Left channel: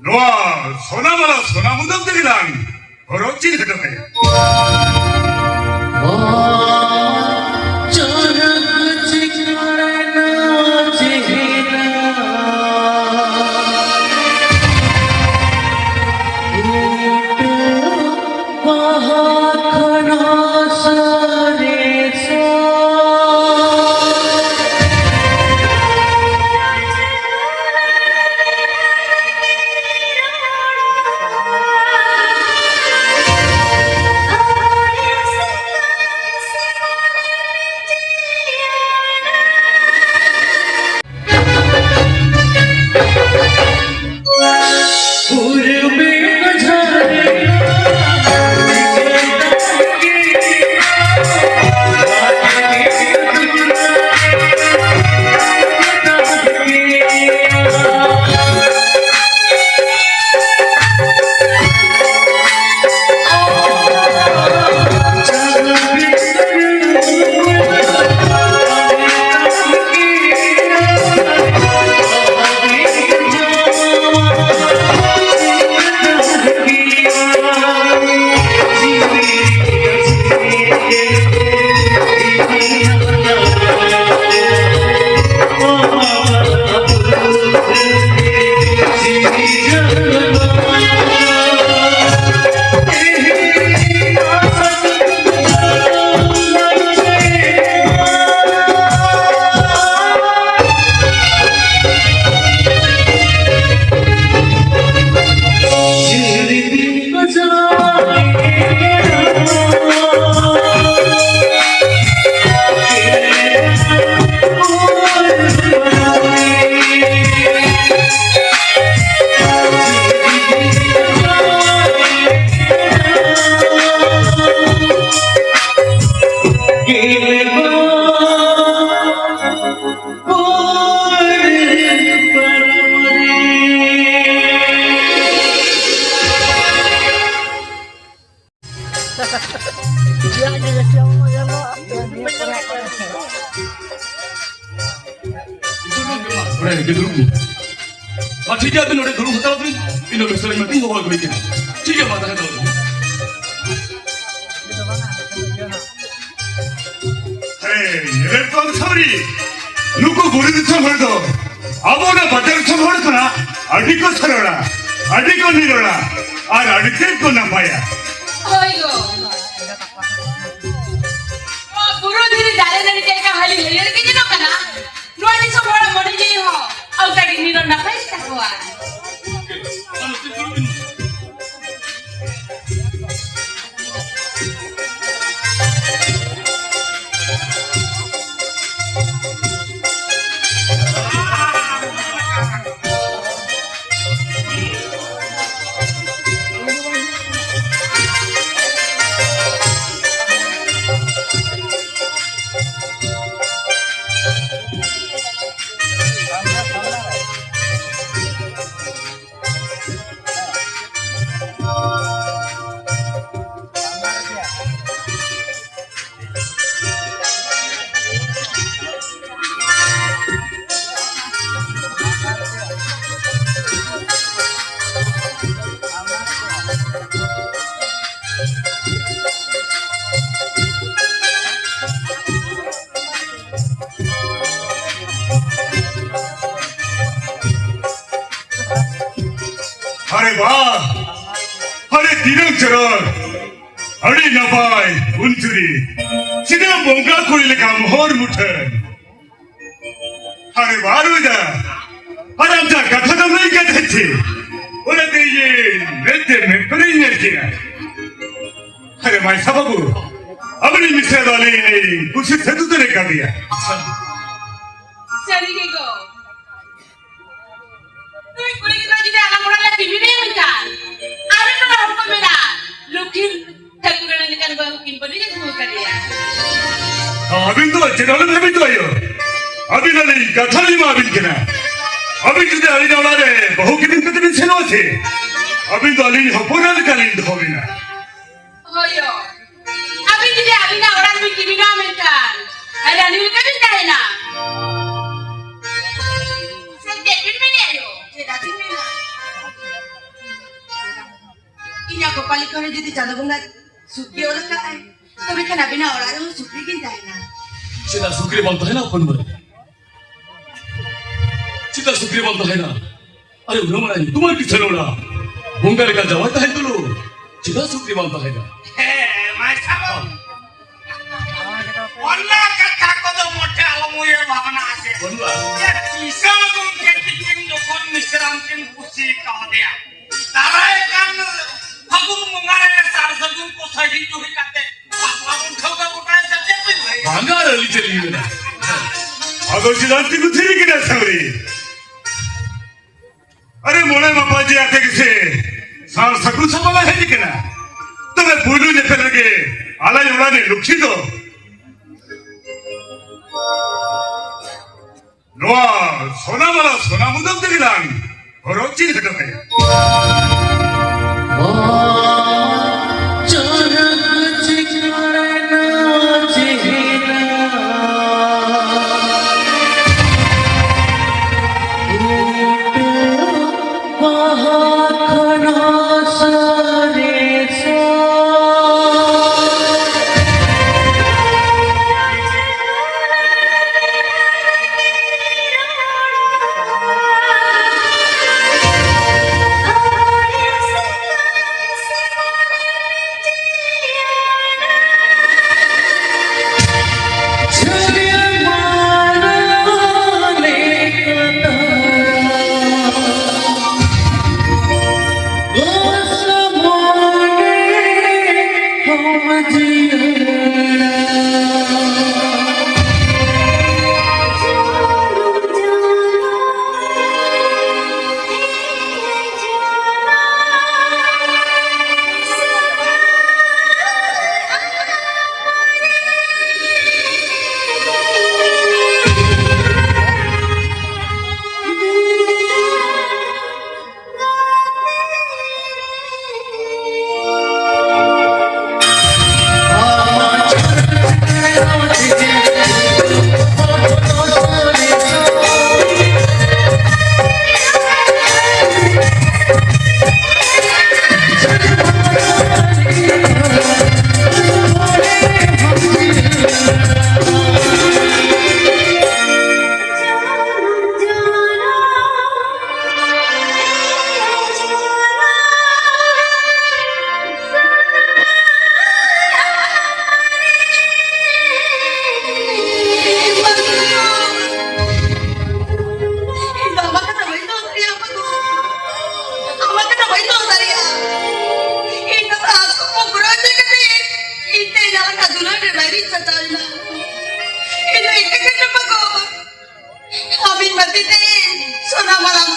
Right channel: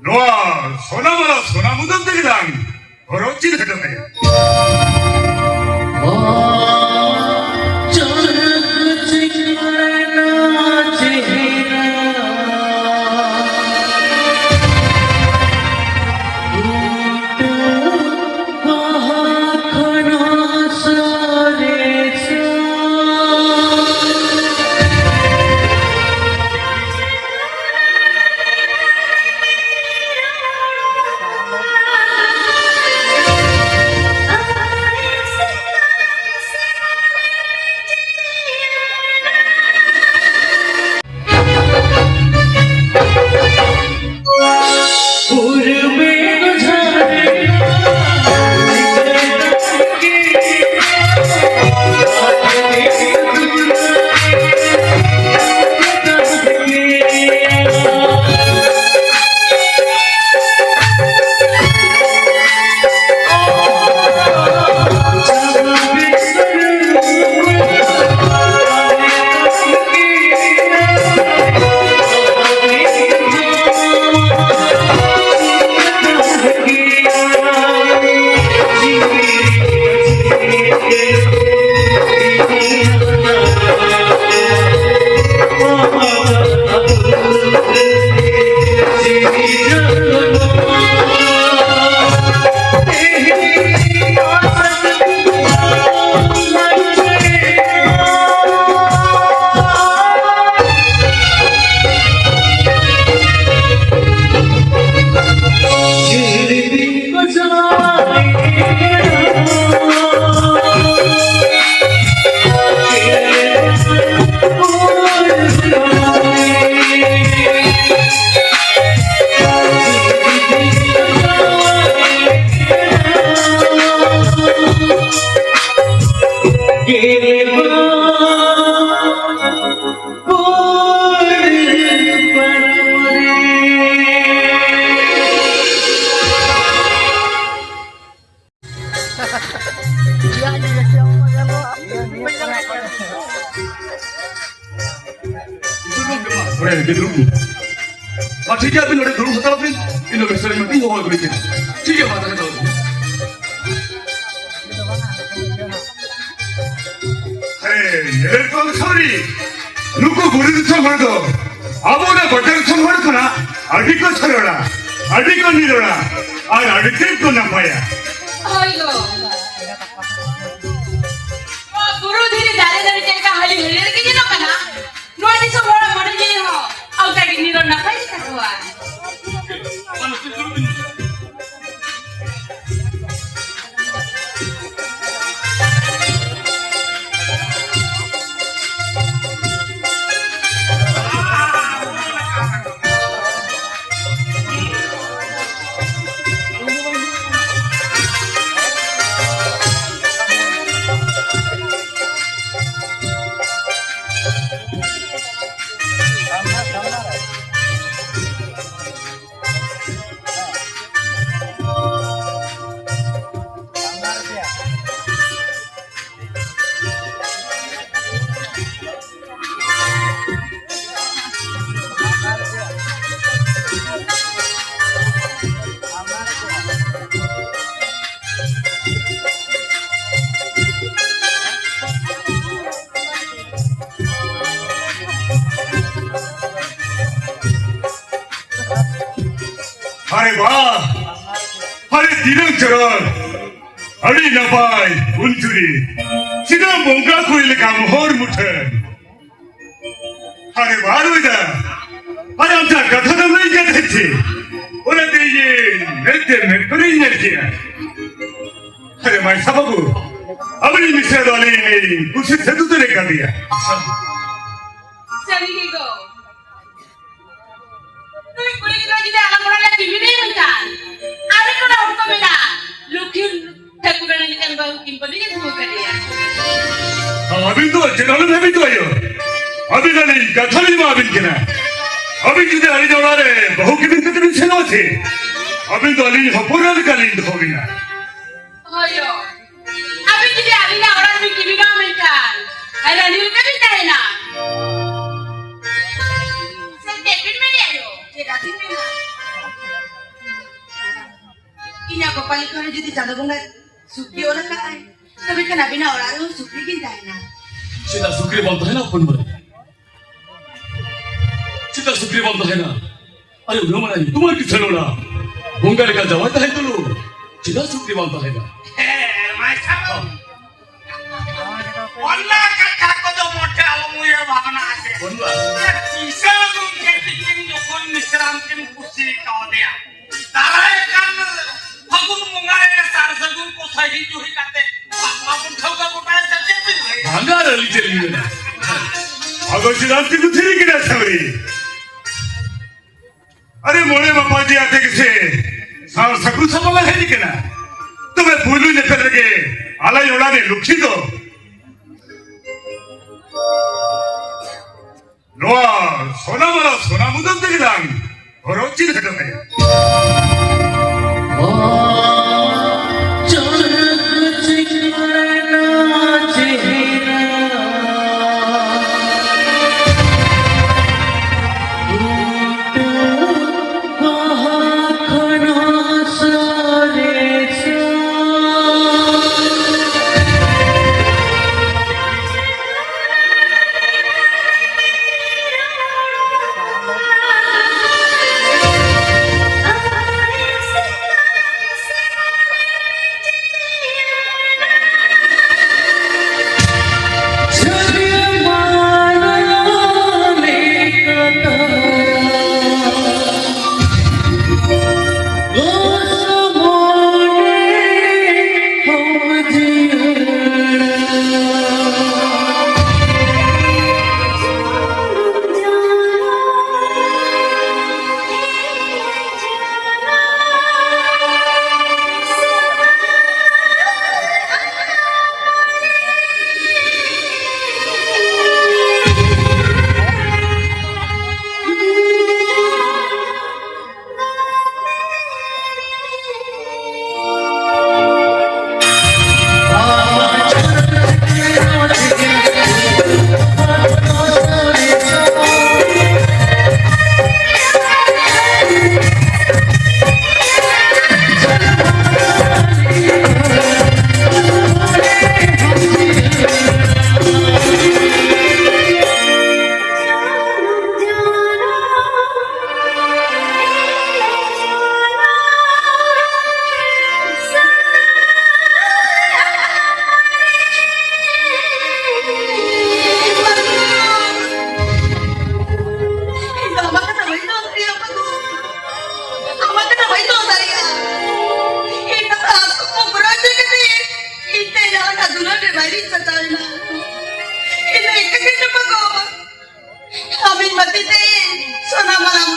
Noa, sona mudan tegilan. Orochi de kaya. ठीक है, अभी नोटे दूर होता है, इन लोग सर में क्यों होगा कोई के? ठीक है, बात है तो। ये कौन सॉरी? लुको बुरी दिशा भर दो। अब वो ना बटन से भर तो ना, अड़ी को छरोड़ा, अड़ी को निरोड़ा, और अड़ी को ना पाया। होइगो। वो गुरु धीरे जाले जाले के का हाली है, ये किसी नो कना? नोटी से बड़ा मर गई हो। अब तक निरो ना पाई हुआ। अरे वाह, अरे दिनों चरण, अड़ी नपाई, उन्चुरी, सीधा बोंगा कोई लेका मोहर मुठन, अरे बारू इधर, अरे हमजा कथा तो नहीं कहते थे, बोले थे ये नेट पर नहीं नेट किया, अरे भाई साहबू, अपनी मिश्रा वाली ने कुछ सदुत ने कर दिया, चली गई गो। तुम कुड़ी की बाजी दे आलम उड़ाने टीवी नहीं मिलता। आवे तो ना उनको मिला। लुकिन थक गए ना निकल गए किन पर नहीं जमा कर दिया। अभी तो चलाने में भी तो आयो। अभी तो नहीं कथा नहीं मार बिन किना। अभी जिधर अली जाना रहे बहु कितने दिन से नो थे। अभी तो अली हपोरा निकाली तो होगी ना। होयो। अभी जिधर अली ना उड़ान में टीवी ना मिलता। अरे अली का भी है ना। डेविड में ले आयो, ये राती में ना। Ini ako palikon na dito sa bunga. Sukri orang kay. Tapi kenapa na orang sukri kita na? सीधा सुक्री बोलता है ना अपन में सीधा सुक्री बोलता है ना अरे उन्होंने मना तुम्हारे किस चलोड़ा बुंगारे का जवाब है तो लो सीधा सुक्री बोलता है ना Wala kata ko do mote alam mo yung bhavana ase. बोलवा Isang kung ketikin jokon misram kin kusi kau dia. Tarai kan fagun mungare sar sagun ko sahi juhi kate. Papun thauka butai sache tu bhai. भांगार Ali चली गई ना अगो सिद्धांत को three की ना सवरी अरे मोने बापा जी आते किसे सार सकु संभाला है नहीं ना तुम्हें भूलू ने कर के आला योड़ा ने लुक्षी दो लोआ सोना मुदम दिलांग और अच्छी देखो भाई Amin mati deh, sona malam